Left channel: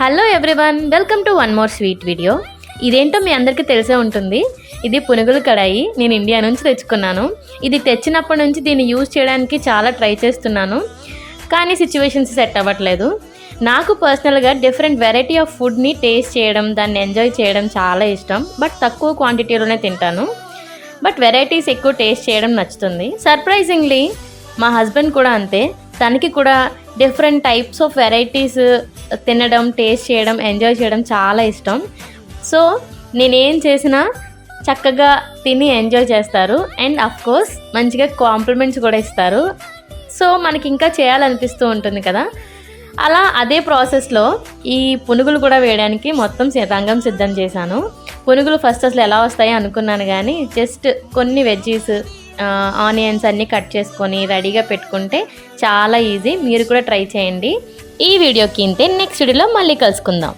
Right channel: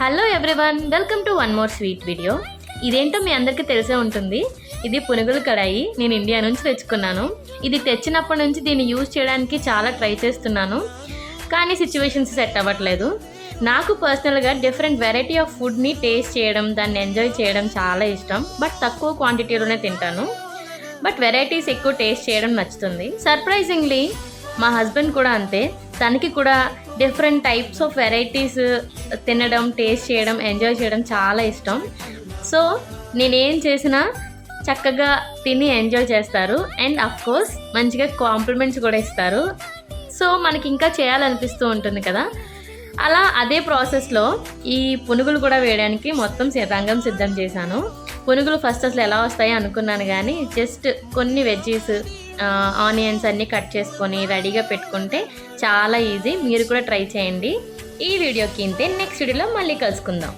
Hello everyone, welcome to one more sweet video. ఇదేంటో మీ అందరికీ తెలిసే ఉంటుంది. ఇది పునుగుల కడాయి. నేను ఇండియా నుంచి తెచ్చుకున్నాను. ఇది తెచ్చినప్పటి నుంచి దీన్ని యూజ్ చేయడానికి చాలా ట్రై చేస్తున్నాను, కానీ సిచ్యువేషన్స్ సెట్ అవ్వట్లేదు. నాకు పర్సనల్గా డిఫరెంట్ వెరైటీ ఆఫ్ ఫుడ్ని టేస్ట్ చేయడం, దాన్ని ఎంజాయ్ చేయడం చాలా ఇష్టం. బట్ తక్కువ క్వాంటిటీలోనే తింటాను. బట్ వెరైటీస్ ఎక్కువ టేస్ట్ చేయడం నచ్చుతుంది. సర్ప్రైజింగ్లీ మా హస్బెండ్ కూడా అంతే. తనకి కూడా డిఫరెంట్ టైప్స్ ఆఫ్ వెరైటీస్ తినడం, టేస్ట్ చేయడం, ఎంజాయ్ చేయడం చాలా ఇష్టం. సో నేనేం చేసినా చక్కగా తిని ఎంజాయ్ చేస్తారు. అండ్ అఫ్కోర్స్ మంచిగా కాంప్లిమెంట్స్ కూడా ఇస్తారు. సో మనకి ఇంకా చేయాలనిపిస్తూ ఉంటుంది కదా. అలా అదే ప్రాసెస్లో ఈ పునుగులు కూడా వేయడానికి మొత్తం రంగం సిద్ధం చేశాను. పునుగులు ఫస్ట్ అసలు ఎలా వస్తాయి అనుకున్నాను, కానీ జస్ట్ కొన్ని వెజ్జీస్, ఆనియన్స్ అన్నీ కట్ చేసుకొని రెడీగా పెట్టుకుంటే చాలా ఈజీ. మీరు కూడా ట్రై చేయండి. ఈ వీడియోకి ఇంతే. నెక్స్ట్ వీడియోలో మళ్ళీ కలుసుకుందాం.